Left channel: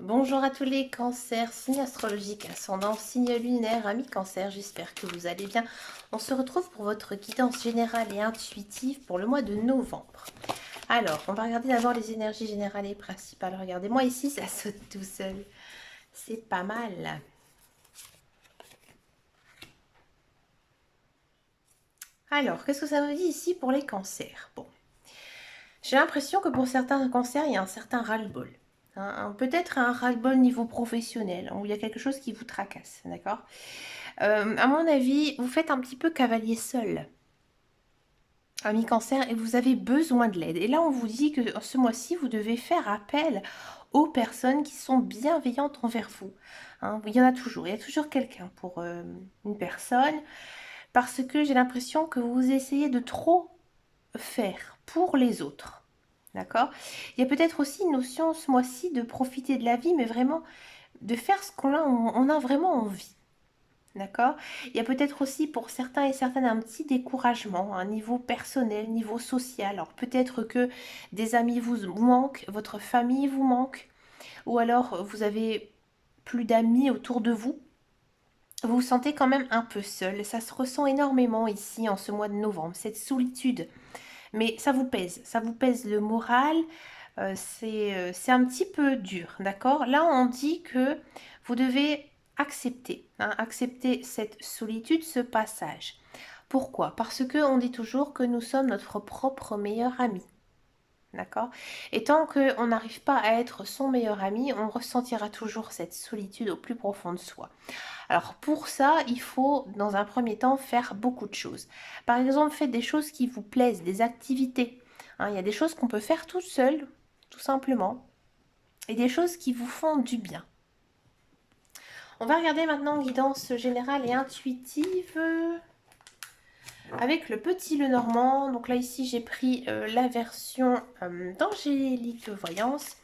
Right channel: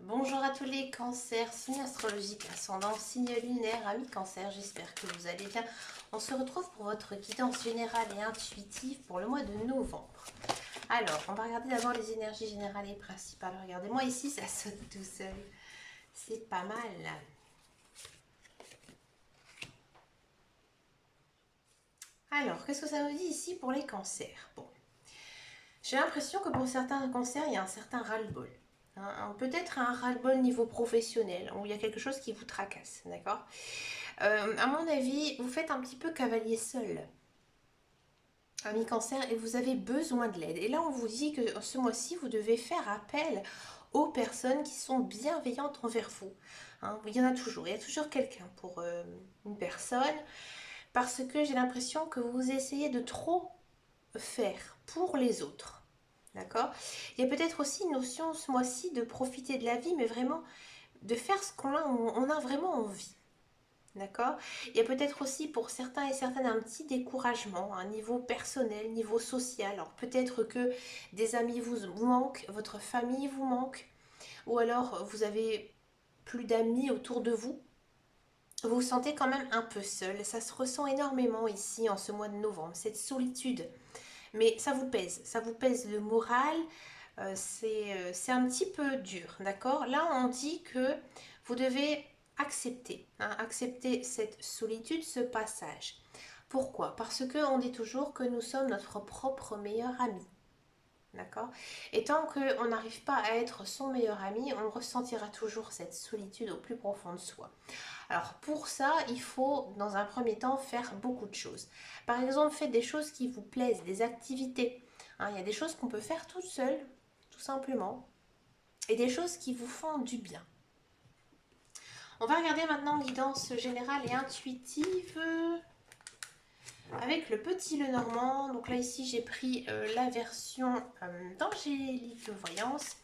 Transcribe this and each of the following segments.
Bonjour à tous les cancers, signe astrologique, ascendant, signe lunaire, amis cancer, j'espère que vous allez bien. On se retrouve pour votre guidance générale et intuitive pour le mois de novembre. Alors, on va regarder d'abord les énergies générales et principales. Regardez-moi ici, ça saute tout seul. C'est pas mal. Alors, qu'est-ce que ça me dit ici pour les cancers? Bon, j'ai l'impression que pour certains cancers, il y a un certain ras-le-bol. Peut-être un ras-le-bol niveau professionnel, où il y a quelque chose qui vous tracasse, d'accord? À mon avis, vous faites un petit peu cavalier seul, ami cancer, et vous avez besoin de l'aide. Et là, on vous dit que ce mois-ci, vous devez faire appel aux personnes qui sont bienveillantes envers vous. Il y en a toujours, il y a toujours quelqu'un pour une personne, parce que j'ai l'impression que vous essayez de trop faire pour les autres. D'accord? Il y a peut-être aussi une notion ce mois-ci de profiter de la vie, mais vraiment de faire ce on a vraiment envie. D'accord? Il y a peut-être aussi pour certains et certaines un petit découragement, un niveau personnel, niveau social. Alors peut-être que des amis vous manquent, votre famille vous manque, ou alors vous avez plus d'amis autour de vous. Vous vous sentez quand même un peu seul. Ça se ressent énormément ici en ce mois de novembre, cette solitude. Mais ça vous pèse le moral. C'est un petit peu dur, d'accord? Là, on dit que vous devez accepter, accepter cette solitude, ce passage. Pourquoi? Parce que on dit toujours que nous sommes notre propre meilleur ami. D'accord? Et tant qu'on n'arrive pas à être son meilleur ami, on ressentira toujours cette solitude au plus profond de soi. Alors pour ça, il faut dans un premier temps faire beaucoup de choses. Par exemple, faites des choses qui vous plaisent, des activités. Il y a des choses qu'on peut faire tout seul, tout simplement, et des choses qui vous font du bien. On va regarder maintenant guidance générale et intuitive avec le petit Lenormand. Donc là ici j'ai pris la version d'Angélique Voyance,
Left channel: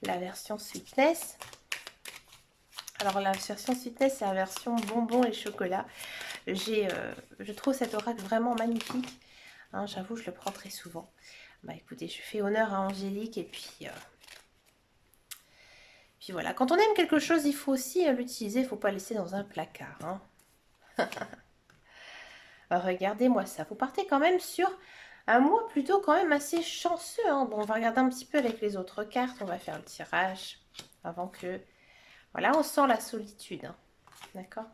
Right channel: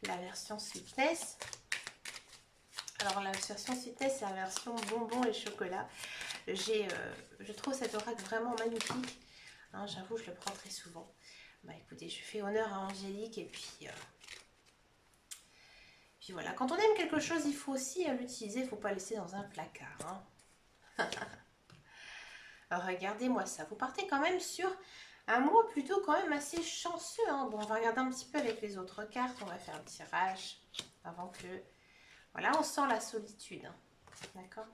la version Sweetness. Alors la version Sweetness c'est la version bonbon et chocolat. Je trouve cet oracle vraiment magnifique. J'avoue, je le prends très souvent. Bah écoutez, je fais honneur à Angélique et puis voilà. Quand on aime quelque chose, il faut aussi l'utiliser. Il ne faut pas laisser dans un placard. Alors, regardez-moi ça. Vous partez quand même sur un mois plutôt quand même assez chanceux. Bon, on va regarder un petit peu avec les autres cartes. On va faire le tirage avant que... Voilà, on sent la solitude. D'accord?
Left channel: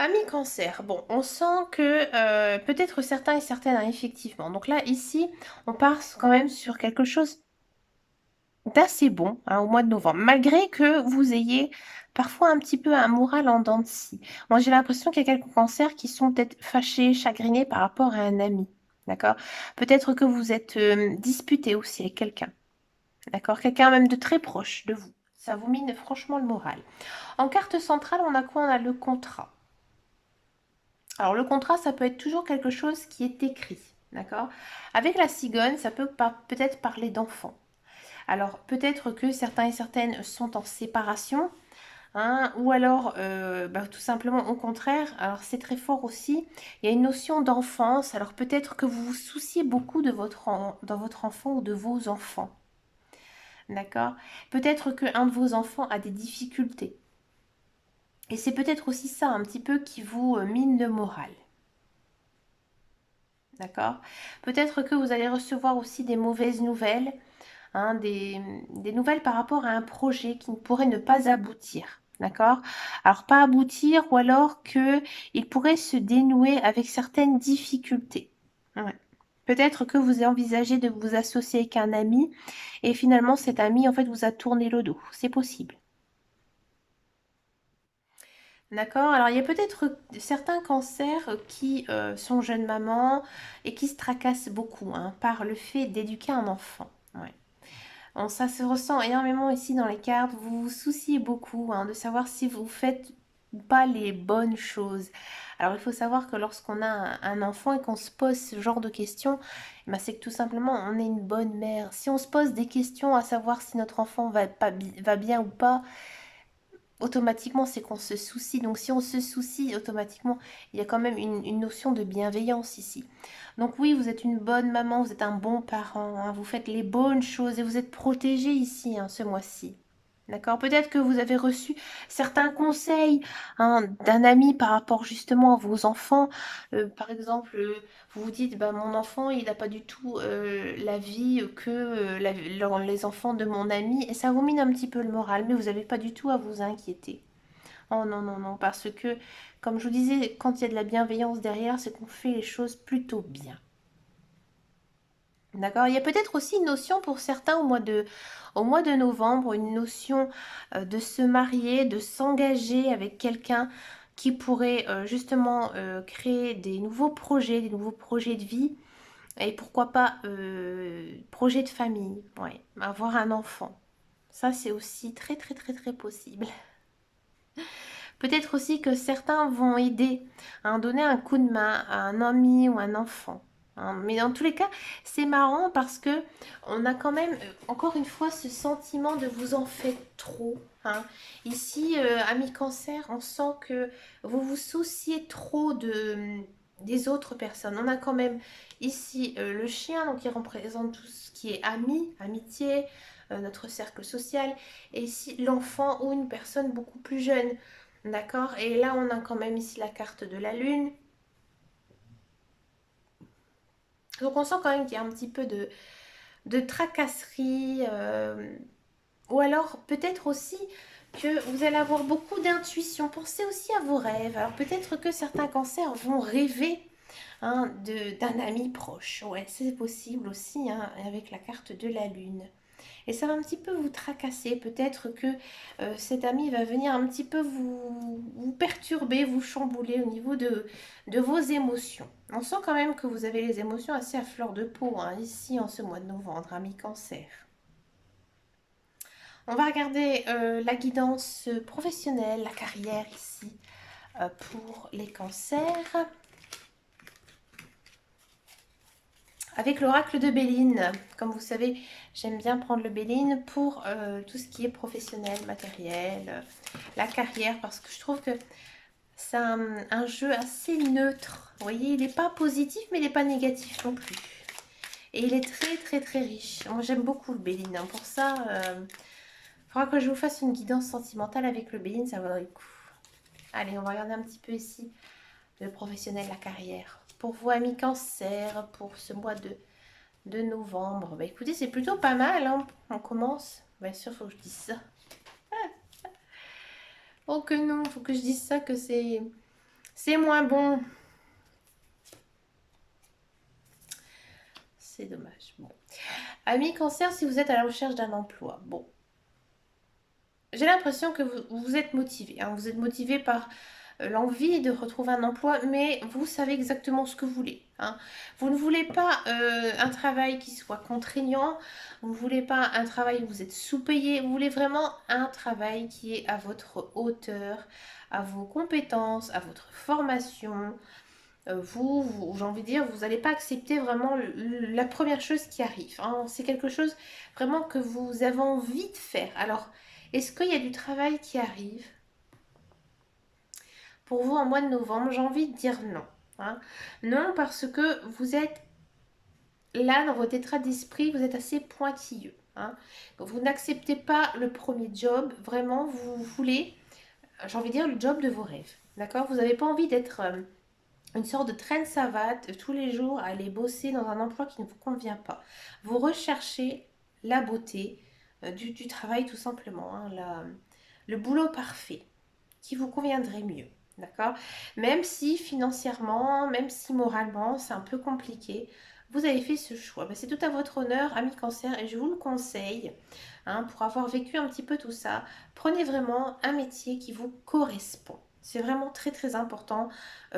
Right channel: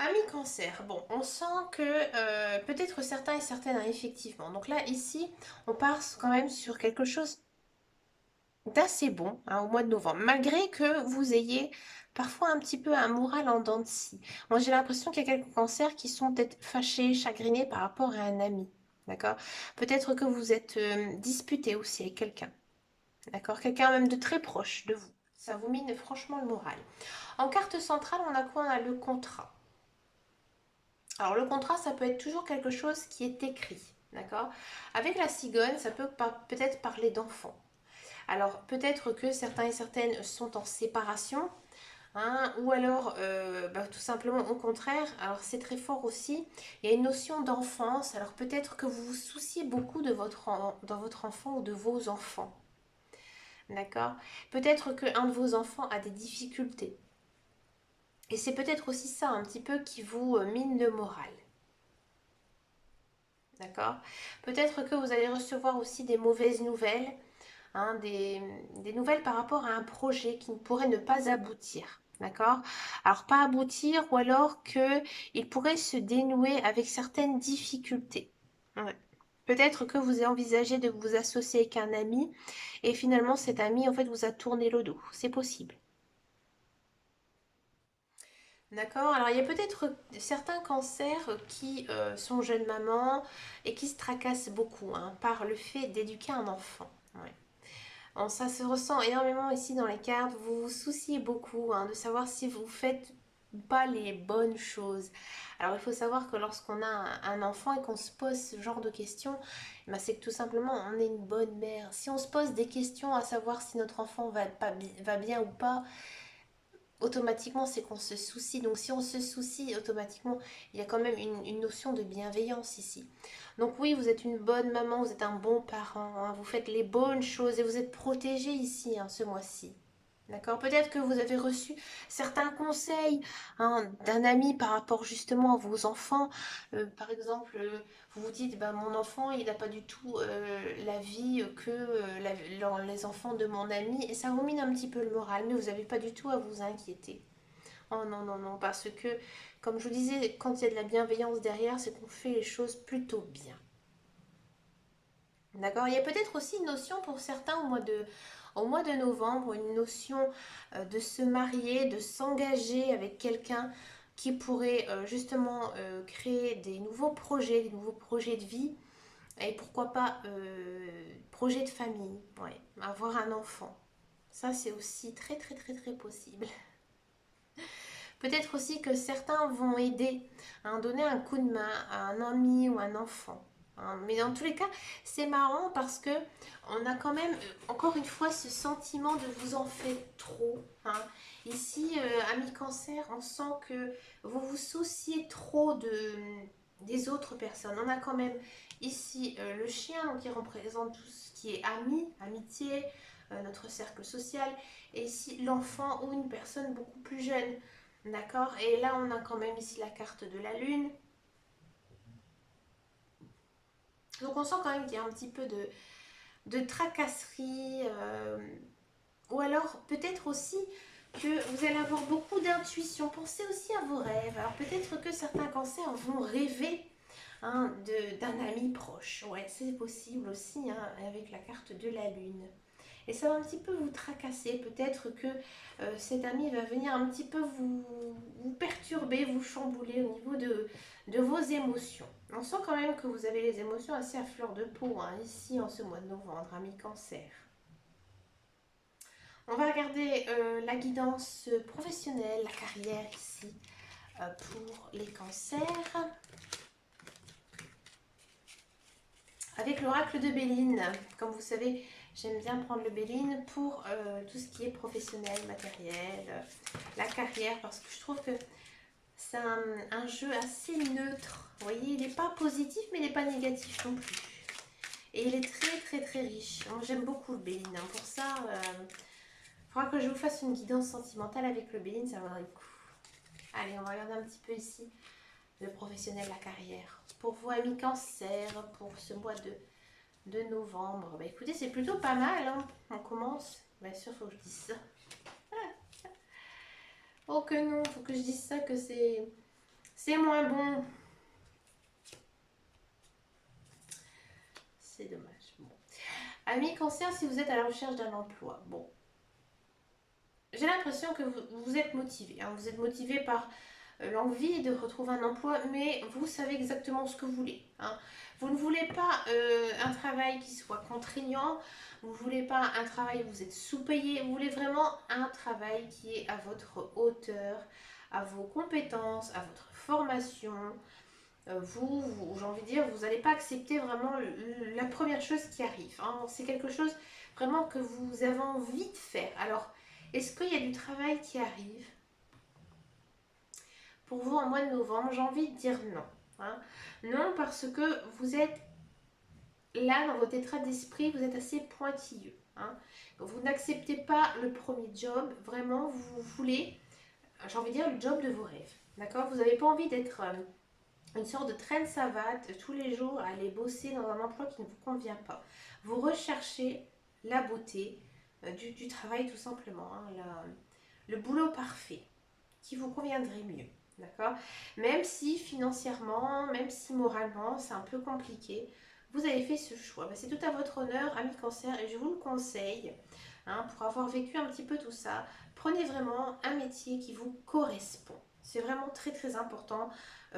Ami cancer, bon, on sent que peut-être certains et certaines, effectivement. Donc là, ici, on part quand même sur quelque chose d'assez bon au mois de novembre, malgré que vous ayez parfois un petit peu un moral en dents de scie. Moi, j'ai l'impression qu'il y a quelques cancers qui sont peut-être fâchés, chagrinés par rapport à un ami. D'accord? Peut-être que vous êtes disputé aussi avec quelqu'un. D'accord? Quelqu'un même de très proche de vous. Ça vous mine franchement le moral. En carte centrale, on a quoi? On a le contrat. Alors le contrat, ça peut être toujours quelque chose qui est écrit, d'accord? Avec la cigogne, ça peut peut-être parler d'enfants. Alors peut-être que certains et certaines sont en séparation, ou alors tout simplement au contraire, alors c'est très fort aussi, il y a une notion d'enfance, alors peut-être que vous vous souciez beaucoup de dans votre enfant ou de vos enfants, d'accord? Peut-être qu'un de vos enfants a des difficultés. Et c'est peut-être aussi ça un petit peu qui vous mine le moral. D'accord? Peut-être que vous allez recevoir aussi des mauvaises nouvelles, des nouvelles par rapport à un projet qui pourrait ne pas aboutir. D'accord? Alors pas aboutir ou alors que il pourrait se dénouer avec certaines difficultés. Ouais. Peut-être que vous avez envisagé de vous associer avec un ami et finalement cet ami en fait vous a tourné le dos. C'est possible. D'accord. Alors, il y a peut-être certains cancers qui sont jeunes mamans et qui se tracassent beaucoup par le fait d'éduquer un enfant. Ouais. Ça se ressent énormément ici dans les cartes. Vous vous souciez beaucoup de savoir si vous faites ou pas les bonnes choses. Alors, il faut savoir que lorsqu'on a un enfant et qu'on se pose ce genre de questions, c'est que tout simplement, on est une bonne mère. Si on se pose des questions à savoir si notre enfant va bien ou pas, automatiquement, c'est qu'on se soucie. Donc, si on se soucie, automatiquement, il y a quand même une notion de bienveillance ici. Donc, oui, vous êtes une bonne maman, vous êtes un bon parent, hein, vous faites les bonnes choses et vous êtes protégé ici, hein, ce mois-ci. D'accord? Peut-être que vous avez reçu certains conseils, hein, d'un ami par rapport justement à vos enfants. Par exemple, vous vous dites, bah, mon enfant, il n'a pas du tout la vie que les enfants de mon ami. Et ça vous mine un petit peu le moral, mais vous n'avez pas du tout à vous inquiéter. Oh non, non, non, parce que, comme je vous disais, quand il y a de la bienveillance derrière, c'est qu'on fait les choses plutôt bien. D'accord? Il y a peut-être aussi une notion pour certains au mois de novembre, une notion de se marier, de s'engager avec quelqu'un qui pourrait justement créer des nouveaux projets de vie et pourquoi pas projet de famille, ouais, avoir un enfant. Ça, c'est aussi très très très très possible. Peut-être aussi que certains vont aider, à donner un coup de main à un ami ou un enfant, hein. Mais dans tous les cas, c'est marrant parce que on a quand même, encore une fois, ce sentiment de vous en faites trop, hein. Ici, ami cancer, on sent que vous vous souciez trop des autres personnes. On a quand même ici le chien, donc qui représente tout ce qui est ami, amitié, notre cercle social, et ici l'enfant ou une personne beaucoup plus jeune. D'accord? Et là, on a quand même ici la carte de la lune. Donc, on sent quand même qu'il y a un petit peu de tracasserie. Ou alors, peut-être aussi que vous allez avoir beaucoup d'intuition. Pensez aussi à vos rêves. Alors, peut-être que certains cancers vont rêver, hein, d'un ami proche. Ouais, c'est possible aussi, hein, avec la carte de la lune. Et ça va un petit peu vous tracasser. Peut-être que cet ami va venir un petit peu vous perturber, vous chambouler au niveau de vos émotions. On sent quand même que vous avez les émotions assez à fleur de peau, hein, ici en ce mois de novembre, ami cancer. On va regarder la guidance professionnelle, la carrière ici pour les cancers. Avec l'oracle de Béline, comme vous savez, j'aime bien prendre le Béline pour tout ce qui est professionnel, matériel, la carrière, parce que je trouve que c'est un jeu assez neutre. Vous voyez, il n'est pas positif, mais il n'est pas négatif non plus. Et il est très très très riche. Moi j'aime beaucoup le Béline, hein. Pour ça, il faudra que je vous fasse une guidance sentimentale avec le Béline, ça vaudrait le coup. Allez, on va regarder un petit peu ici le professionnel, la carrière. Pour vous, amis cancer, pour ce mois de novembre. Bah écoutez, c'est plutôt pas mal, hein. On commence. Bien sûr, faut que je dise ça. Oh que non, faut que je dise ça, que c'est moins bon. C'est dommage. Bon. Amis cancer, si vous êtes à la recherche d'un emploi, bon, j'ai l'impression que vous êtes motivé, hein. Vous êtes motivé par l'envie de retrouver un emploi, mais vous savez exactement ce que vous voulez, hein. Vous ne voulez pas un travail qui soit contraignant, vous ne voulez pas un travail où vous êtes sous-payé, vous voulez vraiment un travail qui est à votre hauteur, à vos compétences, à votre formation. J'ai envie de dire, vous n'allez pas accepter vraiment la première chose qui arrive, hein. C'est quelque chose vraiment que vous avez envie de faire. Alors, est-ce qu'il y a du travail qui arrive pour vous en mois de novembre? J'ai envie de dire non, hein. Non, parce que vous êtes là dans votre état d'esprit, vous êtes assez pointilleux, hein. Vous n'acceptez pas le premier job, vraiment, vous voulez, j'ai envie de dire, le job de vos rêves. D'accord? Vous n'avez pas envie d'être une sorte de traîne savate tous les jours à aller bosser dans un emploi qui ne vous convient pas. Vous recherchez la beauté du travail tout simplement, hein, le boulot parfait qui vous conviendrait mieux. D'accord? Même si financièrement, même si moralement, c'est un peu compliqué, vous avez fait ce choix. Ben, c'est tout à votre honneur, ami cancer, et je vous le conseille, hein, pour avoir vécu un petit peu tout ça. Prenez vraiment un métier qui vous correspond. C'est vraiment très très important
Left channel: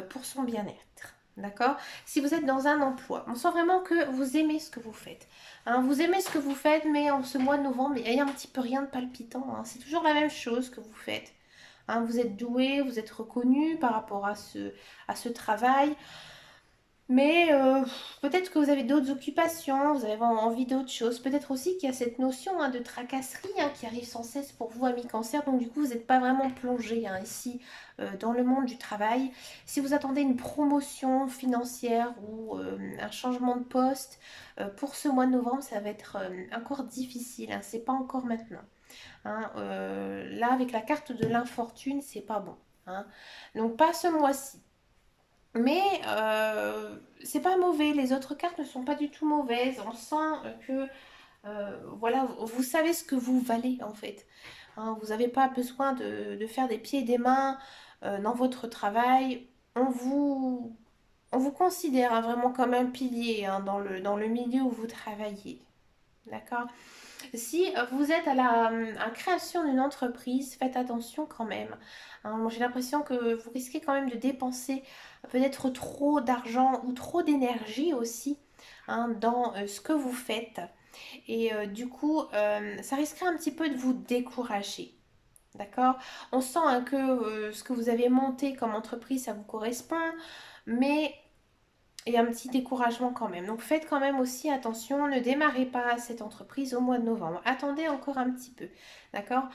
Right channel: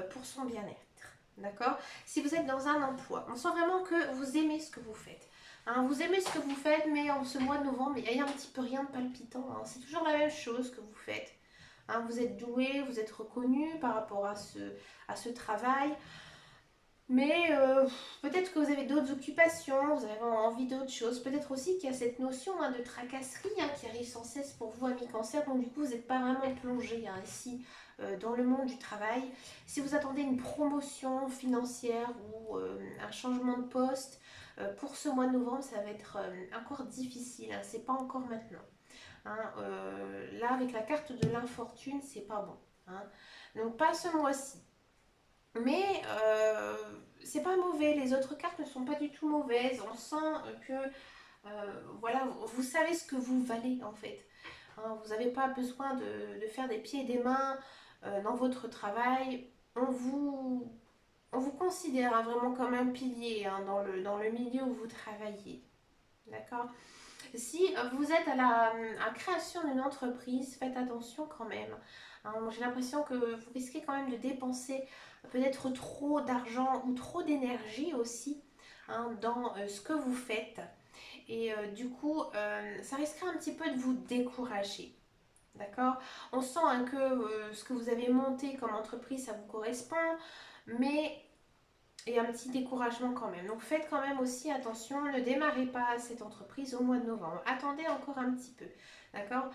pour son bien-être. D'accord? Si vous êtes dans un emploi, on sent vraiment que vous aimez ce que vous faites, hein. Vous aimez ce que vous faites, mais en ce mois de novembre, il y a un petit peu rien de palpitant, hein. C'est toujours la même chose que vous faites, hein. Vous êtes doué, vous êtes reconnu par rapport à ce travail. Mais peut-être que vous avez d'autres occupations, vous avez envie d'autres choses. Peut-être aussi qu'il y a cette notion de tracasserie qui arrive sans cesse pour vous, amis cancer. Donc du coup, vous n'êtes pas vraiment plongé ici dans le monde du travail. Si vous attendez une promotion financière ou un changement de poste pour ce mois de novembre, ça va être encore difficile. C'est pas encore maintenant. Là, avec la carte de l'infortune, c'est pas bon. Donc pas ce mois-ci. Mais c'est pas mauvais, les autres cartes ne sont pas du tout mauvaises. On sent que voilà, vous savez ce que vous valez en fait. Vous n'avez pas besoin de faire des pieds et des mains dans votre travail. On vous considère vraiment comme un pilier dans le milieu où vous travaillez. D'accord? Si vous êtes à la création d'une entreprise, faites attention quand même. Moi, j'ai l'impression que vous risquez quand même de dépenser peut-être trop d'argent ou trop d'énergie aussi dans ce que vous faites. Et du coup, ça risquerait un petit peu de vous décourager. D'accord? On sent que ce que vous avez monté comme entreprise, ça vous correspond, mais il y a un petit découragement quand même. Donc faites quand même aussi attention, ne démarrez pas cette entreprise au mois de novembre. Attendez encore un petit peu. D'accord?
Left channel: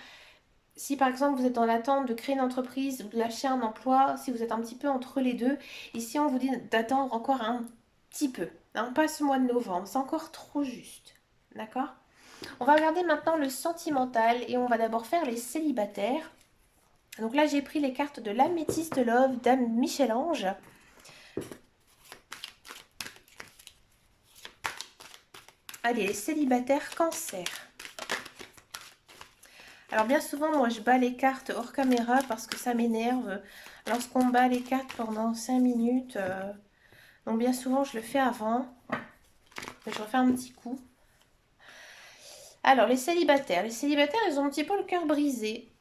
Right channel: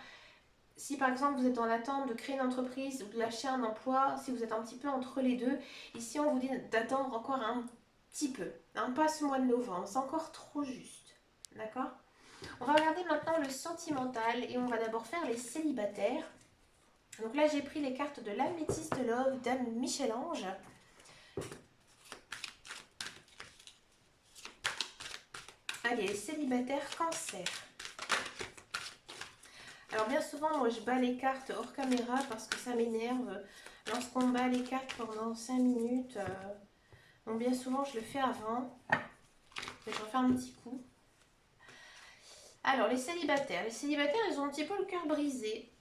Si par exemple vous êtes dans l'attente de créer une entreprise ou de lâcher un emploi, si vous êtes un petit peu entre les deux, ici on vous dit d'attendre encore un petit peu. Pas ce mois de novembre, c'est encore trop juste. D'accord? On va regarder maintenant le sentimental et on va d'abord faire les célibataires. Donc là j'ai pris les cartes de l'améthyste love, Dame Michel-Ange. Allez, les célibataires cancer. Alors bien souvent, moi je bats les cartes hors caméra parce que ça m'énerve lorsqu'on bat les cartes pendant 5 minutes. Donc bien souvent, je le fais avant. Je refais un petit coup. Alors, les célibataires. Les célibataires, ils ont un petit peu le cœur brisé.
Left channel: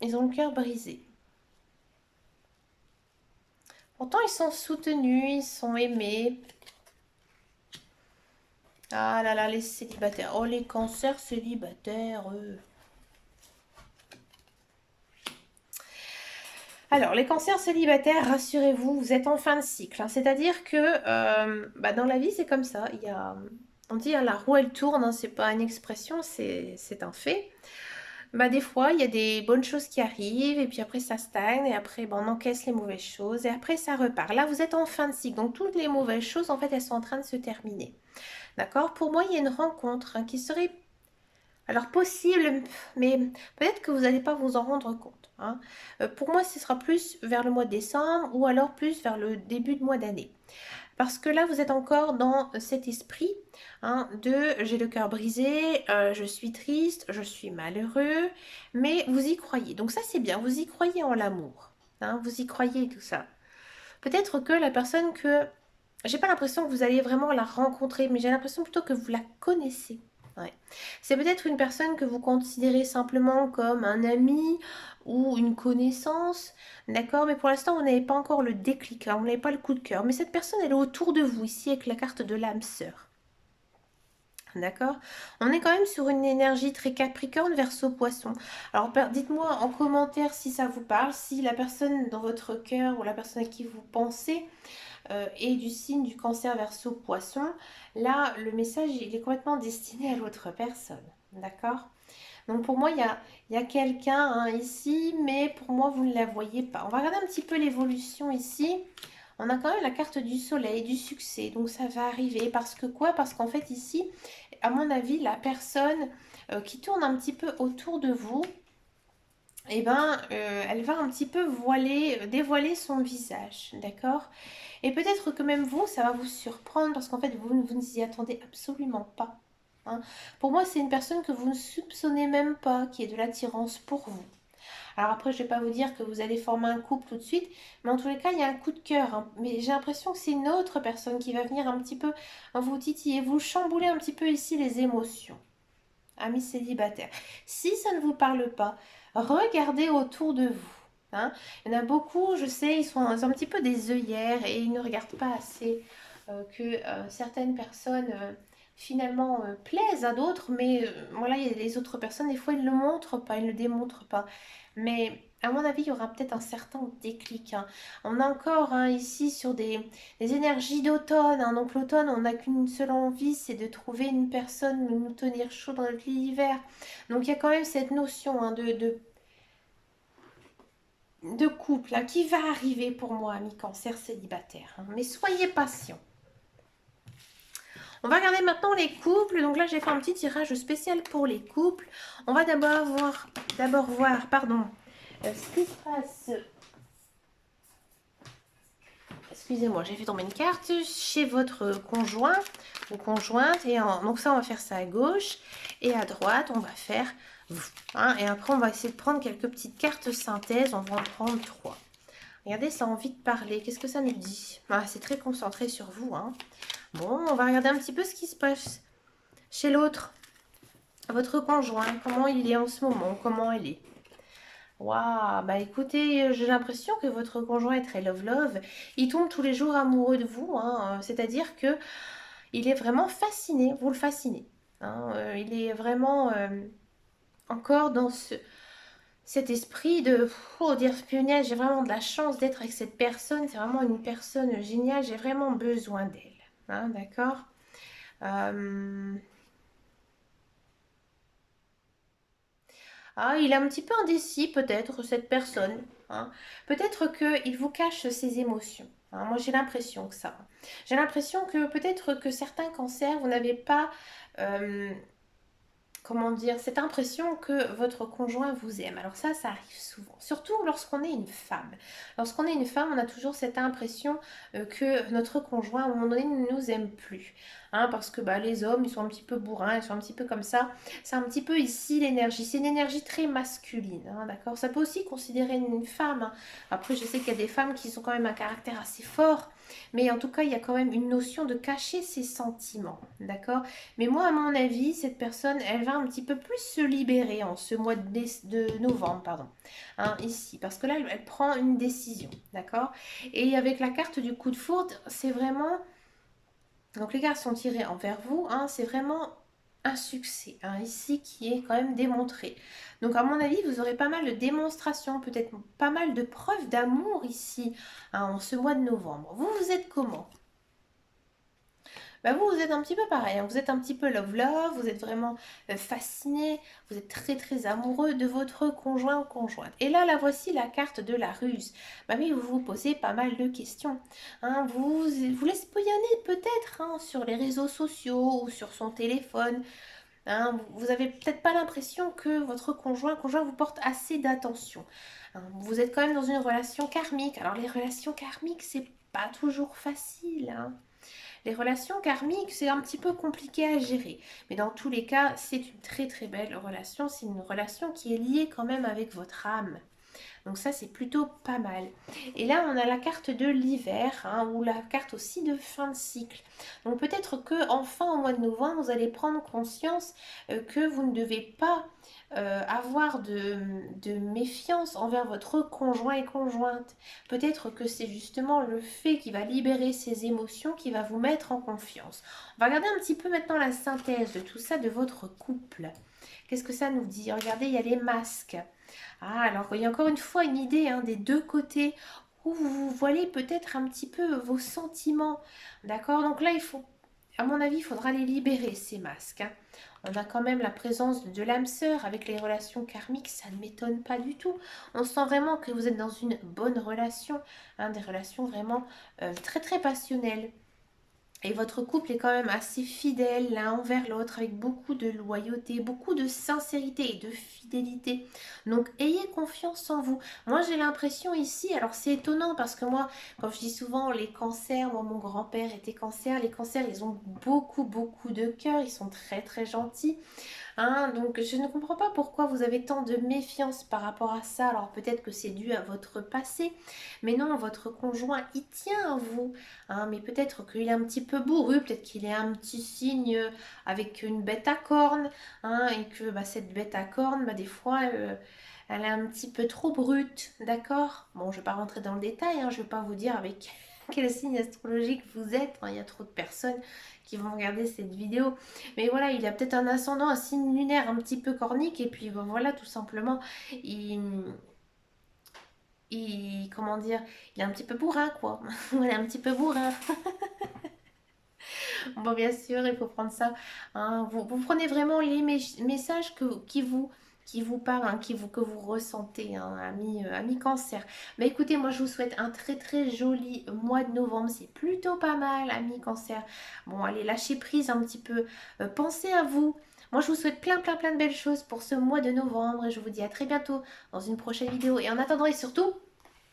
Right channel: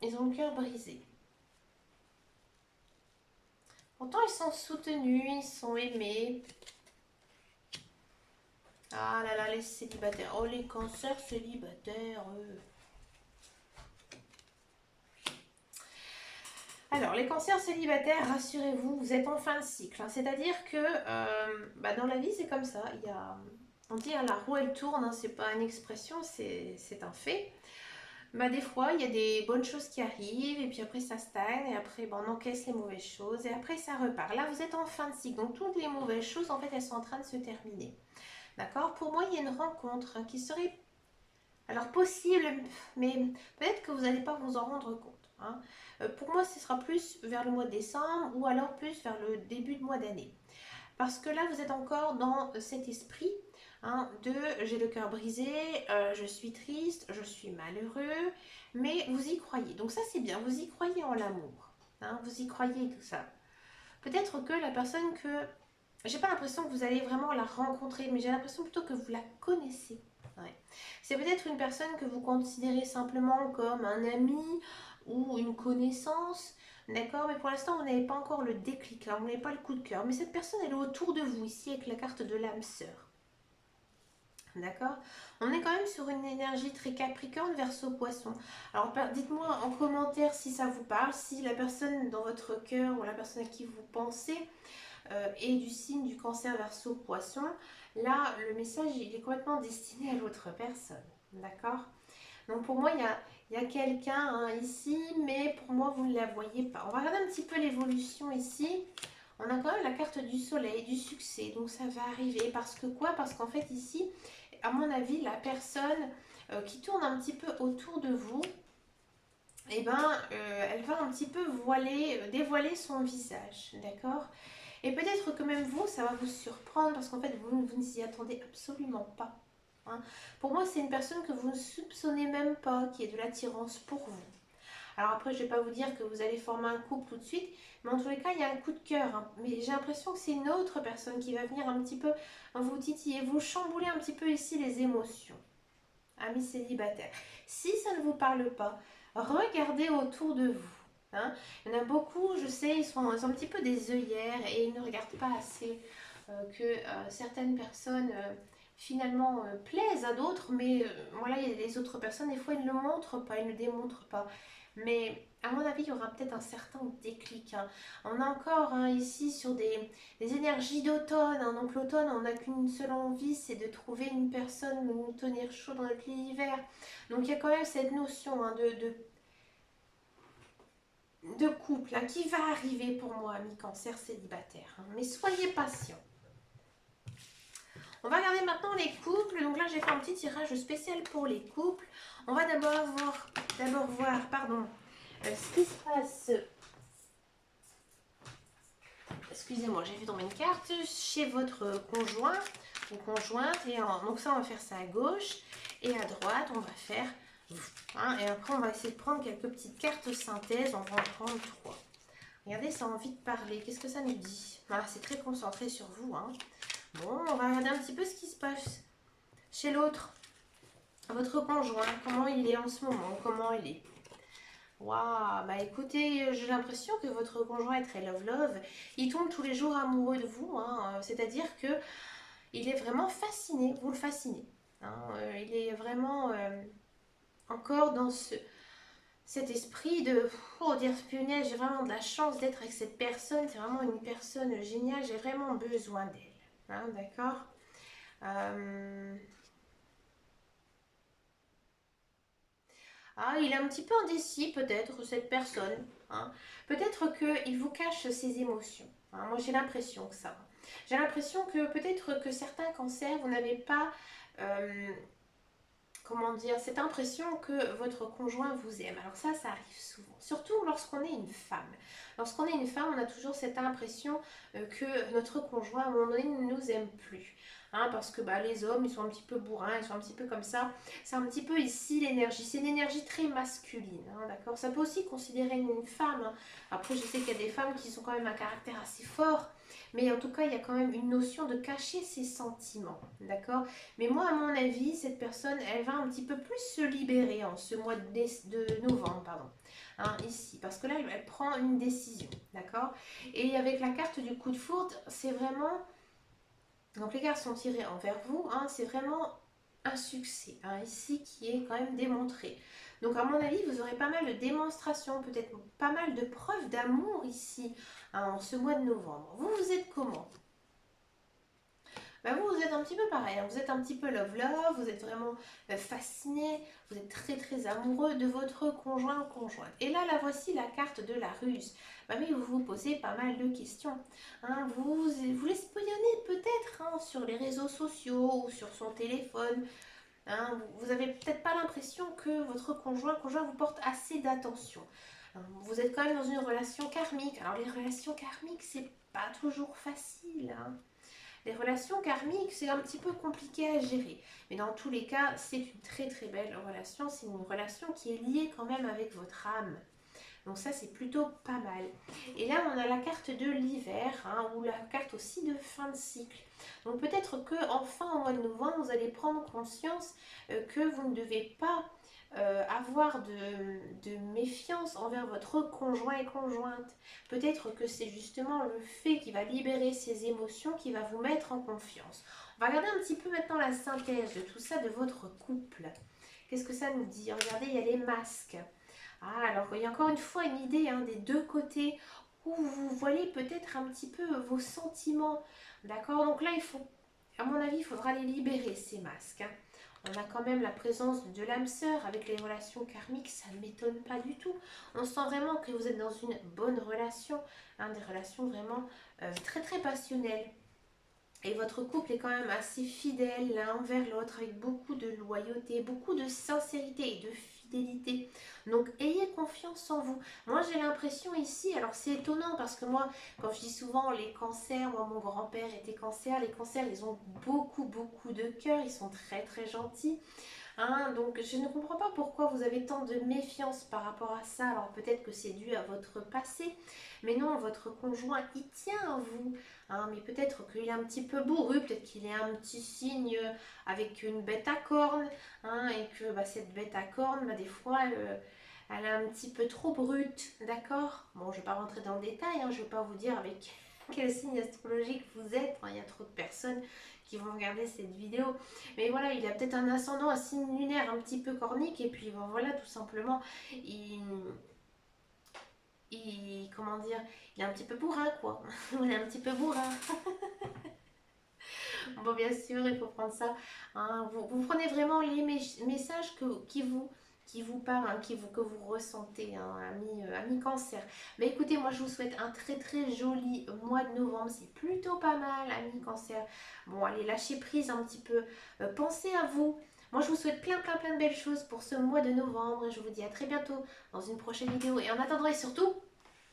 Ils ont le cœur brisé. Pourtant, ils sont soutenus, ils sont aimés. Ah là là, les célibataires. Oh, les cancers célibataires, Alors, les cancers célibataires, rassurez-vous, vous êtes en fin de cycle. C'est-à-dire que dans la vie, c'est comme ça. On dit la roue, elle tourne, c'est pas une expression, c'est un fait. Des fois, il y a des bonnes choses qui arrivent, et puis après, ça stagne, et après, on encaisse les mauvaises choses, et après, ça repart. Là, vous êtes en fin de cycle, donc toutes les mauvaises choses, en fait, elles sont en train de se terminer. D'accord? Pour moi, il y a une rencontre qui serait alors possible, mais peut-être que vous n'allez pas vous en rendre compte. Pour moi, ce sera plus vers le mois de décembre ou alors plus vers le début de mois d'année. Parce que là, vous êtes encore dans cet esprit de j'ai le cœur brisé, je suis triste, je suis malheureux, mais vous y croyez. Donc ça, c'est bien, vous y croyez en l'amour. Vous y croyez tout ça. Peut-être que la personne que... J'ai pas l'impression que vous allez vraiment la rencontrer, mais j'ai l'impression plutôt que vous la connaissez. Ouais. C'est peut-être une personne que vous considérez simplement comme un ami ou une connaissance, d'accord? Mais pour l'instant, vous n'avez pas encore le déclic, vous n'avez pas le coup de cœur. Mais cette personne, elle est autour de vous, ici, avec la carte de l'âme sœur. D'accord? On est quand même sur une énergie très capricorne, verseau poisson. Alors dites-moi en commentaire si ça vous parle, si la personne dans votre cœur ou la personne à qui vous pensez est du signe du cancer verseau poisson. Là, le message, il est complètement destiné à l'autre personne. D'accord? Donc pour moi, il y a quelqu'un ici, mais pour moi, vous ne la voyez pas. On va regarder un petit peu l'évolution ici. On a quand même la carte du soleil, du succès. Donc ça va arriver. Parce que quoi? Parce qu'en fait ici, à mon avis, la personne qui tourne un petit peu autour de vous, elle va un petit peu dévoiler son visage. D'accord? Et peut-être que même vous, ça va vous surprendre parce qu'en fait, vous ne vous y attendez absolument pas. Pour moi, c'est une personne que vous ne soupçonnez même pas qui est de l'attirance pour vous. Alors après, je ne vais pas vous dire que vous allez former un couple tout de suite, mais en tous les cas, il y a un coup de cœur. Mais j'ai l'impression que c'est une autre personne qui va venir un petit peu vous titiller, vous chambouler un petit peu ici les émotions. Amis célibataires. Si ça ne vous parle pas, regardez autour de vous. Il y en a beaucoup, je sais, ils sont un petit peu des œillères et ils ne regardent pas assez que certaines personnes finalement plaisent à d'autres, mais voilà, il y a les autres personnes, des fois ils ne le montrent pas, ils ne le démontrent pas. Mais à mon avis, il y aura peut-être un certain déclic, hein. On est encore hein, ici sur des énergies d'automne, hein. Donc l'automne, on n'a qu'une seule envie, c'est de trouver une personne, de nous tenir chaud dans notre lit l'hiver. Donc il y a quand même cette notion hein, de couple hein, qui va arriver pour moi, ami cancer célibataire, hein. Mais soyez patient. On va regarder maintenant les couples. Donc là, j'ai fait un petit tirage spécial pour les couples. On va d'abord voir, pardon, ce qui se passe. Excusez-moi, j'ai fait tomber une carte chez votre conjoint ou conjointe. Donc ça, on va faire ça à gauche. Et à droite, on va faire vous. Hein, et après, on va essayer de prendre quelques petites cartes synthèse. On va en prendre 3. Regardez, ça a envie de parler. Qu'est-ce que ça nous dit? Ah, c'est très concentré sur vous. Hein. Bon, on va regarder un petit peu ce qui se passe chez l'autre. Votre conjoint, comment il est en ce moment? Comment elle est? Waouh, bah écoutez, j'ai l'impression que votre conjoint est très love-love. Il tombe tous les jours amoureux de vous, hein, c'est-à-dire que il est vraiment fasciné, vous le fascinez. Hein, il est vraiment encore dans cet esprit de oh, dire punaise, j'ai vraiment de la chance d'être avec cette personne, c'est vraiment une personne géniale, j'ai vraiment besoin d'elle. Hein, d'accord. Euh, Ah, il est un petit peu indécis peut-être, cette personne. Hein. Peut-être qu'il vous cache ses émotions. Hein. Moi, j'ai l'impression que ça. J'ai l'impression que peut-être que certains cancers, vous n'avez pas, euh, comment dire, cette impression que votre conjoint vous aime. Alors ça arrive souvent. Surtout lorsqu'on est une femme. Lorsqu'on est une femme, on a toujours cette impression que notre conjoint, à un moment donné, ne nous aime plus. Hein, parce que bah, les hommes, ils sont un petit peu bourrins, ils sont un petit peu comme ça. C'est un petit peu ici l'énergie. C'est une énergie très masculine. Hein, d'accord. Ça peut aussi considérer une femme. Hein. Après, je sais qu'il y a des femmes qui sont quand même un caractère assez fort. Mais en tout cas, il y a quand même une notion de cacher ses sentiments. D'accord. Mais moi, à mon avis, cette personne, elle va un petit peu plus se libérer en ce mois de novembre, pardon. Hein, ici, parce que là, elle prend une décision, d'accord. Et avec la carte du coup de foudre, c'est vraiment... Donc les cartes sont tirées envers vous, hein, c'est vraiment un succès, hein, ici, qui est quand même démontré. Donc à mon avis, vous aurez pas mal de démonstrations, peut-être pas mal de preuves d'amour ici, hein, en ce mois de novembre. Vous êtes comment? Bah vous, vous êtes un petit peu pareil, hein. Vous êtes un petit peu love-love, vous êtes vraiment fasciné, vous êtes très très amoureux de votre conjoint ou conjointe. Et là, voici la carte de la ruse. Bah oui, vous vous posez pas mal de questions. Hein. Vous l'espoyonnez peut-être hein, sur les réseaux sociaux ou sur son téléphone. Hein. Vous avez peut-être pas l'impression que votre conjoint vous porte assez d'attention. Hein. Vous êtes quand même dans une relation karmique. Alors les relations karmiques, c'est pas toujours facile. Hein. Les relations karmiques, c'est un petit peu compliqué à gérer. Mais dans tous les cas, c'est une très très belle relation. C'est une relation qui est liée quand même avec votre âme. Donc ça, c'est plutôt pas mal. Et là, on a la carte de l'hiver, hein, ou la carte aussi de fin de cycle. Donc peut-être que enfin au mois de novembre, vous allez prendre conscience que vous ne devez pas avoir de méfiance envers votre conjoint et conjointe. Peut-être que c'est justement le fait qui va libérer ses émotions qui va vous mettre en confiance. On va regarder un petit peu maintenant la synthèse de tout ça de votre couple. Qu'est-ce que ça nous dit? Regardez, il y a les masques. Ah, alors il y a encore une fois une idée hein, des deux côtés où vous voyez peut-être un petit peu vos sentiments. D'accord. Donc là, à mon avis, il faudra les libérer, ces masques. Hein. On a quand même la présence de l'âme sœur avec les relations karmiques, ça ne m'étonne pas du tout. On sent vraiment que vous êtes dans une bonne relation, hein, des relations vraiment très très passionnelles. Et votre couple est quand même assez fidèle l'un envers l'autre, avec beaucoup de loyauté, beaucoup de sincérité et de fidélité. Donc ayez confiance en vous. Moi j'ai l'impression ici, alors c'est étonnant parce que moi, quand je dis souvent les cancers, moi mon grand-père était cancer, les cancers ils ont beaucoup beaucoup de cœur, ils sont très très gentils. Hein, donc je ne comprends pas pourquoi vous avez tant de méfiance par rapport à ça. Alors peut-être que c'est dû à votre passé, mais non, votre conjoint, il tient à vous. Hein, mais peut-être qu'il est un petit peu bourru, peut-être qu'il est un petit signe avec une bête à cornes, hein, et que bah, cette bête à cornes, bah, des fois, elle est un petit peu trop brute, d'accord? Bon, je ne vais pas rentrer dans le détail, hein, je ne vais pas vous dire avec quel signe astrologique vous êtes. Hein, il y a trop de personnes qui vont regarder cette vidéo. Mais voilà, il a peut-être un ascendant, un signe lunaire un petit peu cornique. Et puis ben voilà, tout simplement, il, comment dire, il est un petit peu bourrin, quoi. Il est un petit peu bourrin. Bon, bien sûr, il faut prendre ça, hein. Vous prenez vraiment les messages qui vous parlent, hein, que vous ressentez, hein, ami cancer. Mais écoutez, moi, je vous souhaite un très très joli mois de novembre. C'est plutôt pas mal, ami cancer. Bon, allez, lâchez prise un petit peu. Pensez à vous. Moi, je vous souhaite plein plein plein de belles choses pour ce mois de novembre. Et je vous dis à très bientôt dans une prochaine vidéo. Et en attendant, et surtout,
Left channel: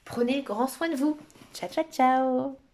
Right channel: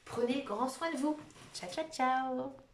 prenez grand soin de vous. Ciao, ciao, ciao.